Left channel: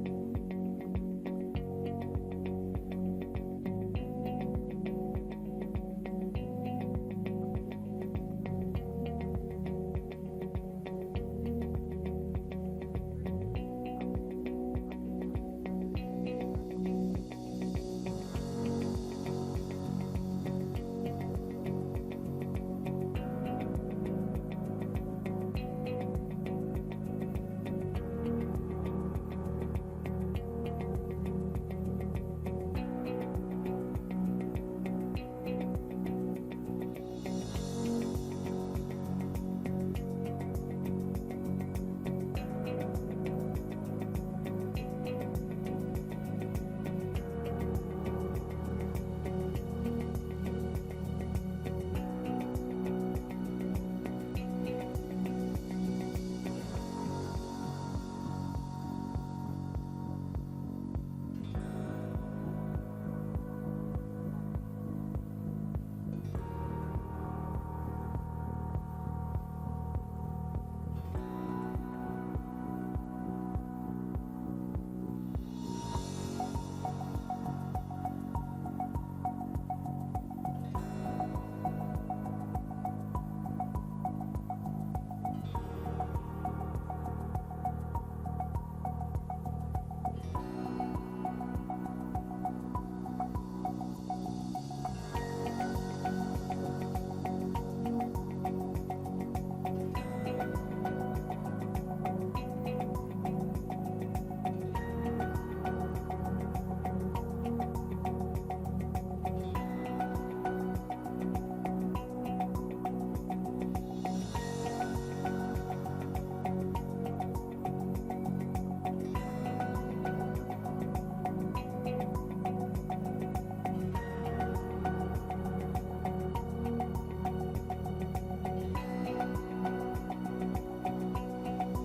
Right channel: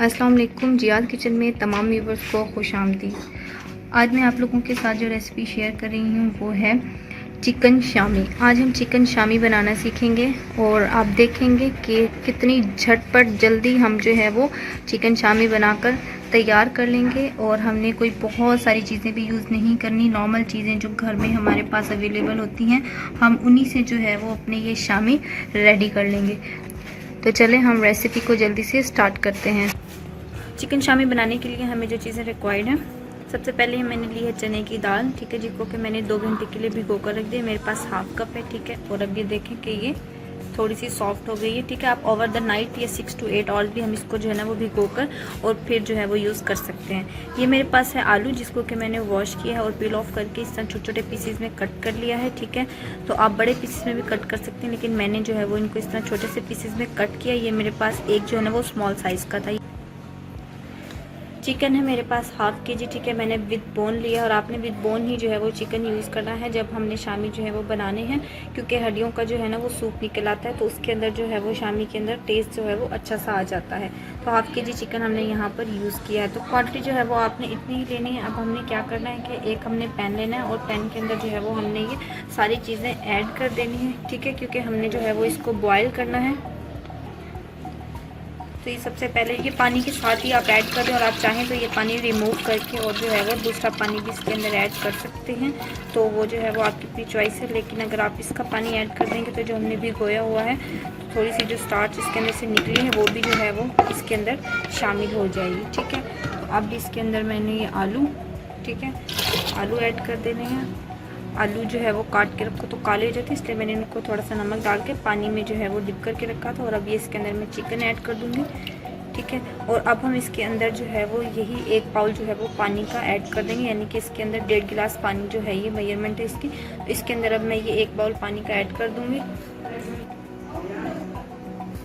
अस्सलाम वालेकुम। जियाद किचन में तमाम व्यूवर्स को खुशामदीद। आज मैं आप लोगों के साथ जो रेसिपी शेयर कर रही हूँ वो है चिकन शामी। आज हम चिकन शामी बनाना सीखेंगे और आप देखेंगे कि कितनी झटपट जल्दी हम जो है वो चिकन शामी बनाकर तैयार कर लेंगे। और हमने कोई बहुत सारी चीज़ें भी यूज़ नहीं करनी, नॉर्मल चीज़ें जो घर में हमारे पास अवेलेबल होती हैं हम उन्हीं से जो है वो अपने ये शामी रेडी कर लेंगे। तो चलें हम रेसिपी को जल्दी से स्टार्ट करते हैं। चिकन शामी बनाने के लिए हमें जो चीज़ें रिक्वायर्ड हैं, सबसे पहले मैंने ली है चने की दाल, ठीक है, जिसको कि मैंने 2 घंटे के लिए भिगो कर रख दिया। मेरे पास हाफ कप है, ठीक है। और अब ये देखें कि ये थोड़ी सी सॉफ्ट हो गई है, ठीक है। आप ओवर द नाइट या 6 to 8 आवर्स भी हम इसको जो है ना वो भिगो कर और फिर जो है वो यूज़ कर सकते हैं। ये मेरे पास है आलू, जिसको कि मैंने वॉश किया है और पील ऑफ करके इस तरह छोटे छोटे पीसेस में कट कर लिया है, ठीक है। तो आप बड़े पीसेस में भी कट कर सकते हैं, लेकिन मैंने जो है वो इनको इस तरह छोटे से पीसेस में कट किया। ये मेरे पास एक जो है ना वो स्मॉल साइज़ का था। चिकन है मेरे पास हाफ kg, ठीक है। मैंने विद बोन लिया और आपने विद बोन ही जो है वो चिकन यूज़ करना है जब हमने शामी जो है वो बनाने हैं, क्योंकि हड्डियों का जो है ना वो सूप निकल आता है, तो उसके अंदर जो है वो शामी के अंदर टेस्ट जो है वो अच्छा सा आ जाता है। तो हाफ kg चिकन हमने यहाँ पर यूज़ किया है। तो क्वांटिटी जो है वो आपने इतनी ही लेनी है। अब हमने क्या करना है कि एक हमने पैन लेना है और पैन के अंदर जो है वो हमने ये सारी चीज़ें ऐड कर देनी है, ठीक है, क्योंकि हमने जो है वो इसको बॉयल करना है। तो ये सबसे पहले ये पानी के साथ ही आप ऐड कर दें, और आप चाहें तो ये पानी रिमूव करके और जो है वो दूसरा पानी भी इसके अंदर ऐड कर सकते हैं। तो वो जो है वो आपकी अपनी चॉइस है, लेकिन अगर आप इसका पानी ऐड कर देंगे तो जो हमने भिगोया हुआ है तो थोड़ी सी जो स्टार्च इसके अंदर से निकली है वो भी जो है वो इसके अंदर शामिल हो जाएगी, ठीक है। तो अब इसके अंदर मैंने ये आलू, ठीक है, आलू ऐड कर देने हैं। आलू जो है वो काट के रखो तो काले हो जाते, इसलिए मैंने इनको थोड़ा सा नमक डाल के पानी में जो है वो डिप करके रखा था। और अब ये इसके अंदर मैं चिकन ऐड कर दूँगी, ठीक है। और अब हम इसके अंदर जो है वो यही 1 बाउल जो है वो पानी का ऐड कर देंगे, यानी कि इसके अंदर 1.5 गिलास पानी जो है ये मेजरमेंट है इसकी। तो इसके अंदर अब मैं ये 1 बाउल पानी का ऐड कर दूँगी।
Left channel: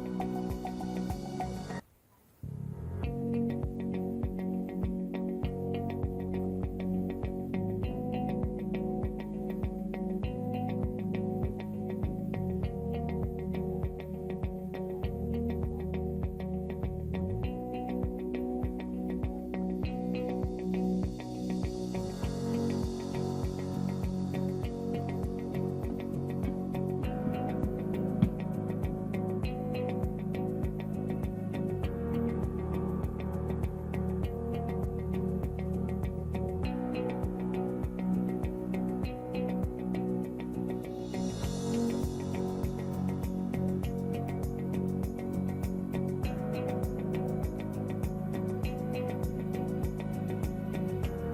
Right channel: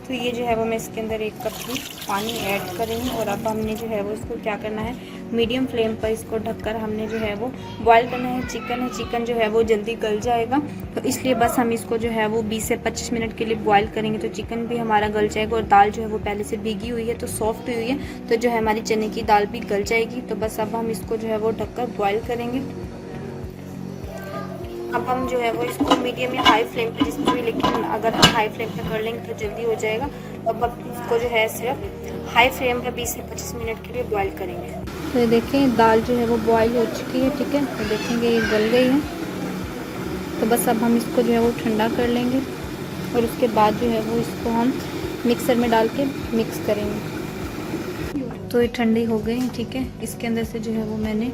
तो ये जो है वो मैं इसके अंदर 1 कप की पानी ऐड करेंगे। और अब हमने जो है वो इसको क्या करना है, मीडियम फ्लेम पर इसको ढककर हमने जो है वो बॉयल करना है। चिकन जो है वो जल्दी गल जाएगा, तो इसलिए बस हम इसको जो है वो 20 से 25 मिनट के लिए बॉयल करेंगे, तो चिकन भी हमारा गल जाएगा। और दाल जो है वो पहले से भीगी हुई है तो सॉफ्ट हुई है, तो जो है हमारी चने की दाल भी गल जाएगी। तो बस अब हम इसको जो है वो ढककर बॉयल करेंगे। अब हम जो है वो इसको मीडियम या हाई फ्लेम पे जिसमें भी, लेकिन अगर हम हाई फ्लेम पे कर लेंगे तो जल्दी हो जाएगा। अब इसको जो है सिर्फ हाई फ्लेम पे 20 से 25 मिनट के लिए बॉईल करेंगे। तो देखें दाल जो है वो बॉईल हो चुकी है, ठीक है। तो देखेंगे ये गल गई है। तो बस अब हम इसको जो है वो ठंडा कर लेंगे और उसके बाद जो है वो इसको हम मिक्सर में डाल के मिक्स करेंगे। तो ये ठंडी हो गई, ठीक है। इसके अंदर से जो है वो मैंने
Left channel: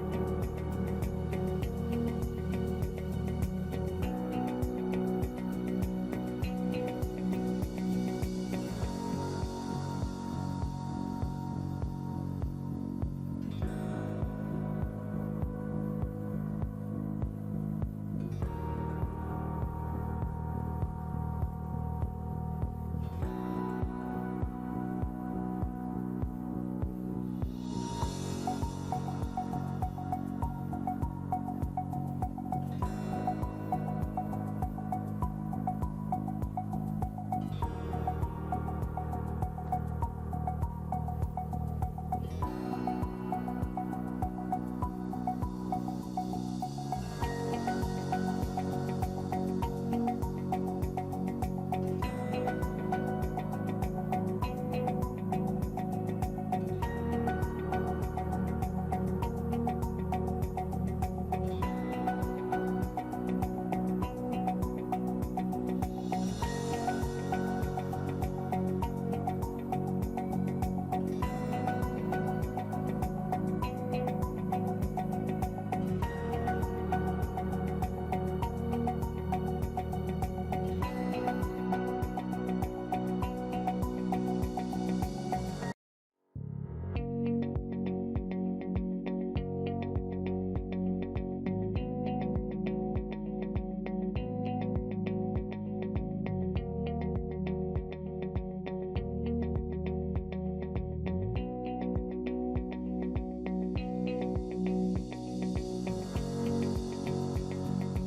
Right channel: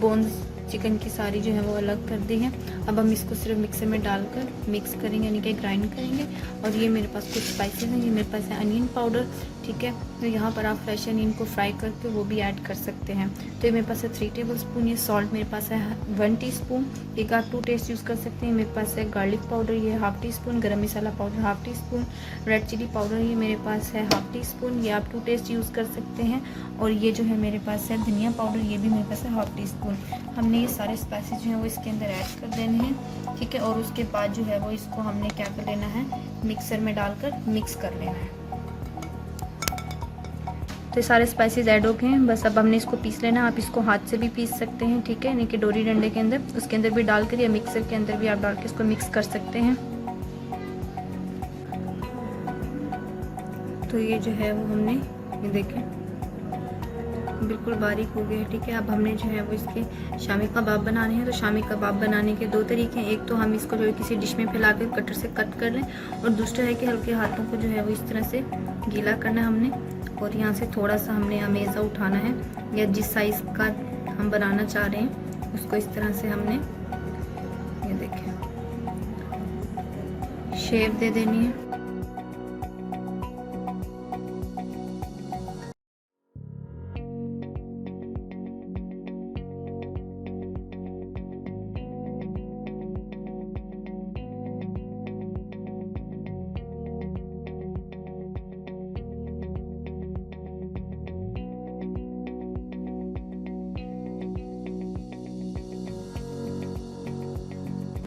बोन्स चिकन की सारी जो है वो अलग कर दी है। अब हम इसको सिर्फ मिक्सर में डालकर मिक्स करेंगे, यानी कि ग्राइंड करेंगे। और ये मेरे पास कुछ स्पाइसेस हैं, ये मेरे पास है अनियन पाउडर, ठीक है। तो यहाँ पर आप फ्रेश अनियन को फ्राई करके वो भी ऐड कर सकते हैं। तो ये मेरे पास है 3 टेबलस्पून। ये सॉल्ट मेरे पास है 1 टीस्पून, एक आप 2 टेस्ट यूज़ कर सकते हैं। मेरे पास है गार्लिक पाउडर, ये 1/2 teaspoon, garam masala powder 1/2 teaspoon, red chilli powder ये मेरे पास है 1/2 टीस्पून, ये आप 2 टेस्ट यूज़ कर सकते हैं। और ये जो है मेरे पास है धनिया पाउडर, ये भी मेरे पास है 1/2 टीस्पून। हमने ये सारे स्पाइसेस जो हैं वो इसके अंदर ऐड कर देने हैं, ठीक है। और उसके बाद जो है वो इसको हमने क्या कर लेना है, मिक्सर में डालकर मिक्स कर लेना है। तो सारे स्पाइसेस ऐड हो गए हैं, बस अब हमने इसको पीस लेना है। आप इसको हाथ से भी पीस सकते हैं, ठीक है, यानी कि डोरी डंडे के अंदर, उसके अंदर भी डालकर, या मिक्सर के अंदर भी आप डाल के इसको मिक्स कर सकते हैं। तो ये जो है वो हमने ये देखें बिल्कुल बारीक हो गया है, ठीक है। अब हमने जो है वो इसके शामी कबाब बनाने हैं। तो शामी कबाब बनाने के 2 तरीके हैं। एक तो हम इसको जो है किसी डिश में फैला के कटर से कट कर लें, और दूसरा है कि हल्के हाथों को जो है वो इस तरह से गीला करना है हमने, और यहाँ से थोड़ा सा हमने अमेज़ा उठाना है, या जिस साइज़ का हम बनाना चाह रहे हैं उसको इस तरह से हमने ये देखिए शेप दे देनी है।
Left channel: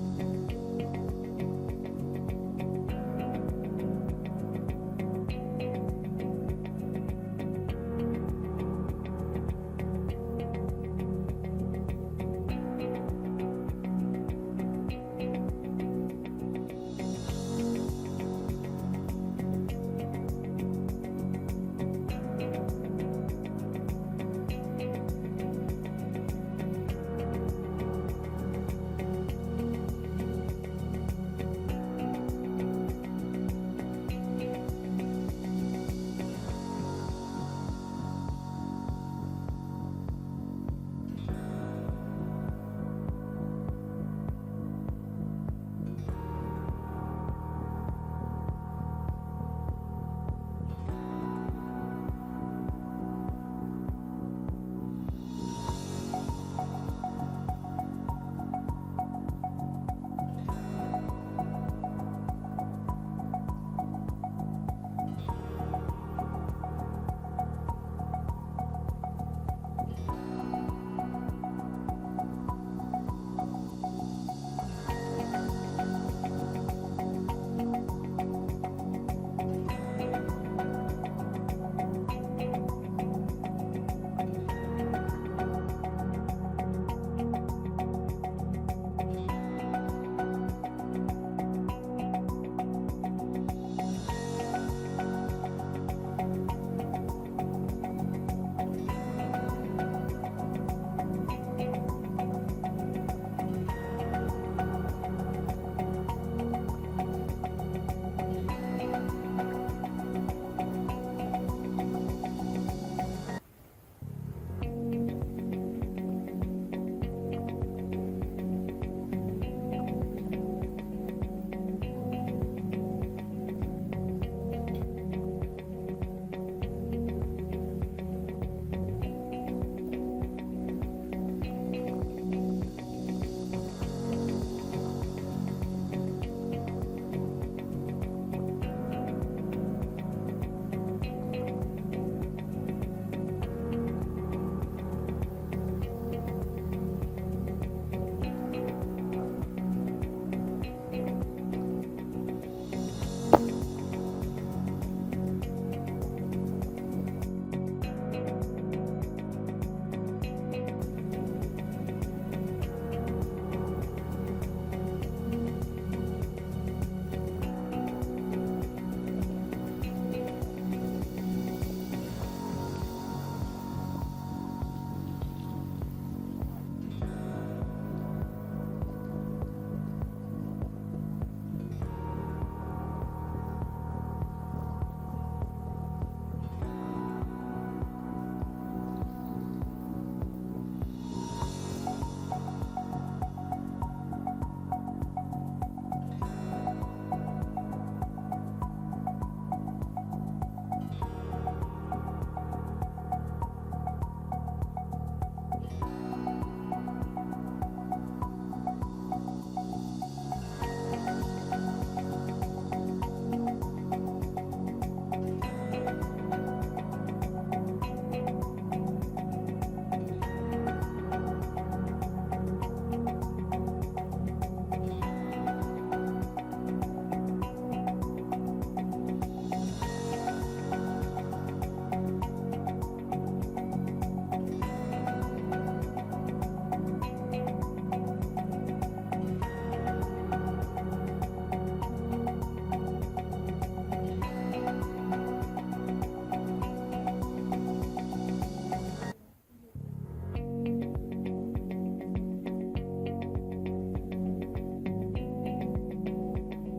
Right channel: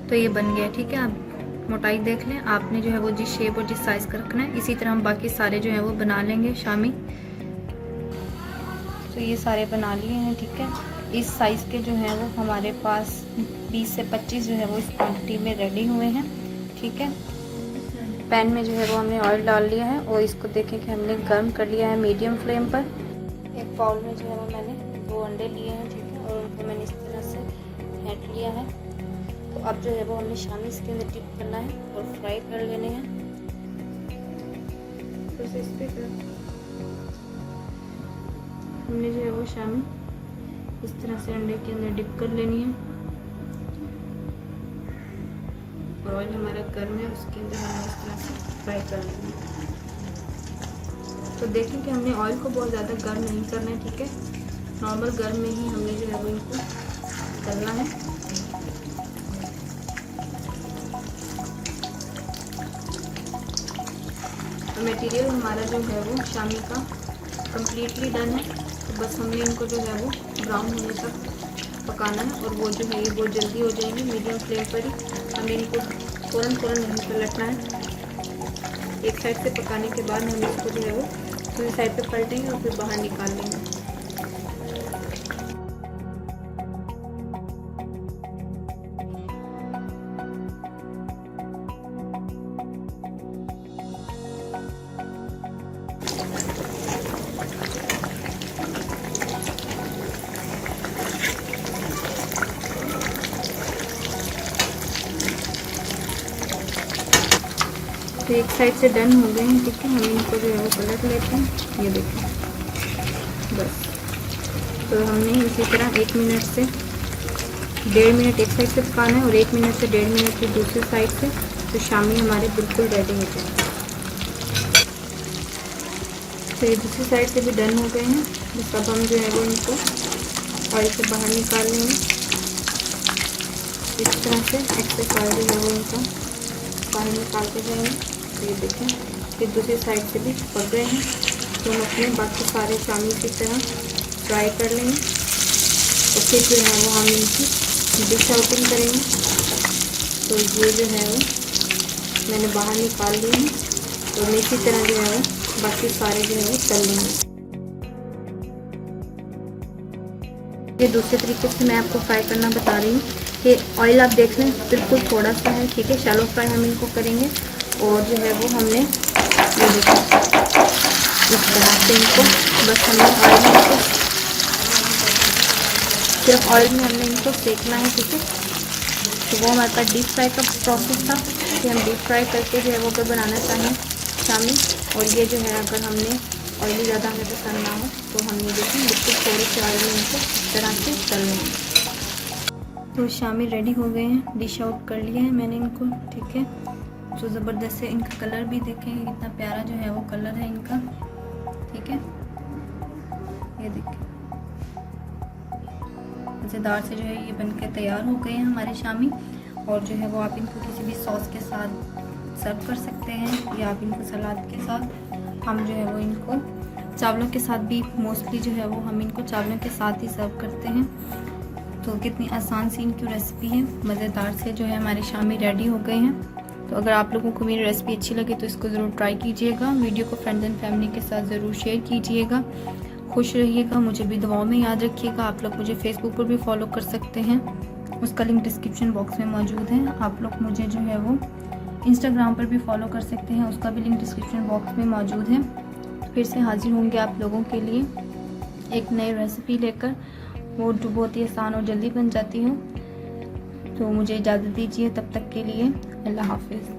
तो ये बन गया, ठीक है। आप मोटाई देख लें, आपने जो है वो जिस शेप और जिस साइज़ का रखना है, इसी तरह हम बाकी सारे जो है वो बना लेंगे शामी। तो ये सारे बना लिए हैं, ठीक है। इस साइज़ के जो हैं वो हमारे पास 20 से 25 जो है वो इस क्वांटिटी में रेडी हुए हैं, ठीक है। पैन में जो है वो हमने ऑयल डाल लिया है और इसको देखें कि हमने गर्म कर लिया है मीडियम फ्लेम पर। एक बाउल में जो है वो मैंने 2 अंडे लिए हैं, ठीक है, और उनको मैंने इस तरह से फेंट लिया है। तो अब जो है वो हमने शामी इसके अंदर डिप करना है और फ्राई कर लेने हैं। हमने जो है वो शामी इस तरह से अंडे के अंदर डिप कर लेनी है और ऑयल हमारा गर्म है, उसके अंदर हमें इस तरह से फ्राई कर लेना है। तो देखें कि हमने ऑयल को बहुत ज़्यादा गर्म नहीं करना है, ठीक है। नॉर्मल गर्म में ही हमने जो है वो इनको तलना है। तो मटेरियल हमारा जो है वो शामी का कम्प्लीटली डन है। तो बस हमने इनको जो है वो ब्राउन होने तक पकाना है और वो जो है ये बहुत जल्दी हो जाएगी मीडियम फ्लेम पर ही। हमें इनको फ़ौरन नहीं पलटना है। एक साइड से पकाने के बाद हम इसको जो है वो दूसरी साइड पे पलटेंगे और फिर बाहर निकाल लेंगे। तो एक साइड से डन हो गए हैं, ठीक है। हम इनको जो है वो पलट लेते हैं, ये देखिए बस। तो हमने इसी तरह 1 मिनट से 1.5 मिनट एक साइड से पकाना है और 1 मिनट से 1.5 मिनट की दूसरी साइड से। तो शामी हमारे बिल्कुल रेडी हो जाएंगे। तो ये दूसरी साइड से भी डन हो गए हैं। बस अब हम जो है वो इनको ऑयल से बाहर निकाल लेंगे इस तरह से। एक्स्ट्रा ऑयल जो है वो इनको बाहर निकालते जाएंगे। ये देखें कि दूसरी साइड से भी पक रहे हैं। तो हम अपने बाकी सारे शामी की तरह फ्राई कर लेंगे और फिर जो है वो हम इनकी डिश आउटिंग करेंगे। तो ये जो है वो मैंने बाहर निकाल लिए हैं और इसी तरह जो है वो बाकी सारे जो है वो तल लेंगे। ये दूसरे तरीके से मैं आपको फ्राई करना बता रही हूँ कि ऑयल आप देख लें बिल्कुल थोड़ा सा है, ठीक है। शैलो फ्राई हम इनको करेंगे और जो है वो हमने ये देखो इस तरह से इनको बस हमने ऑयल में इनको सिर्फ ऑयल में हमने इनको सेकना है, ठीक है। तो वो हमारे पास डीप फ्राई का प्रोसेस था कि हम डीप फ्राई करके जो है वो अगर बनाना चाहें शामी। और ये जो है अगर हमने ऑयली ज़्यादा हमें पसंद ना हो तो हम ये देखें बिल्कुल थोड़े से ऑयल में इनको इस तरह से तल लेंगे। तो शामी रेडी हो गए हैं, डिश आउट कर लिया है मैंने इनको, ठीक है। तो ज़बरदस्त है, इनका कलर भी देखें कितना प्यारा जो है वो कलर है इनका, ठीक है। ये देखें मज़ेदार से जो है ये बनके तैयार हो गए हैं हमारे शामी। और जो है वो आप इनको किसी भी सॉस के साथ सर्व कर सकते हैं या आप इनको सलाद के साथ। हम जो है वो इनको चावलों के साथ भी मोस्टली जो है वो हम इनको चावलों के साथ ही सर्व करते हैं। तो कितनी आसान सी इनकी रेसिपी है, मज़ेदार से जो है हमारे शामी रेडी हो गए हैं। तो अगर आप लोगों को मेरी रेसिपी अच्छी लगे तो इसको ज़रूर ट्राई कीजिएगा। वीडियो को फ्रेंड्स एंड फैमिली के साथ ज़रूर शेयर कीजिएगा। खुश रहिएगा, मुझे भी दुआओं में याद रखिएगा। आप लोग मुझे फेसबुक पर भी फॉलो कर सकते हैं, उसका लिंक डिस्क्रिप्शन बॉक्स में मौजूद है। आप लोग मुझे जो है वो इंस्टाग्राम पर भी फॉलो कर सकते हैं, उसका भी लिंक डिस्क्रिप्शन बॉक्स में मौजूद है। फिर से हाजिर होंगे आप लोगों के लिए एक नई रेसिपी लेकर, वो जो बहुत ही आसान और जल्दी बन जाती हो। तो मुझे इजाज़त दीजिए, तब तक के लिए अल्लाह हाफिज़।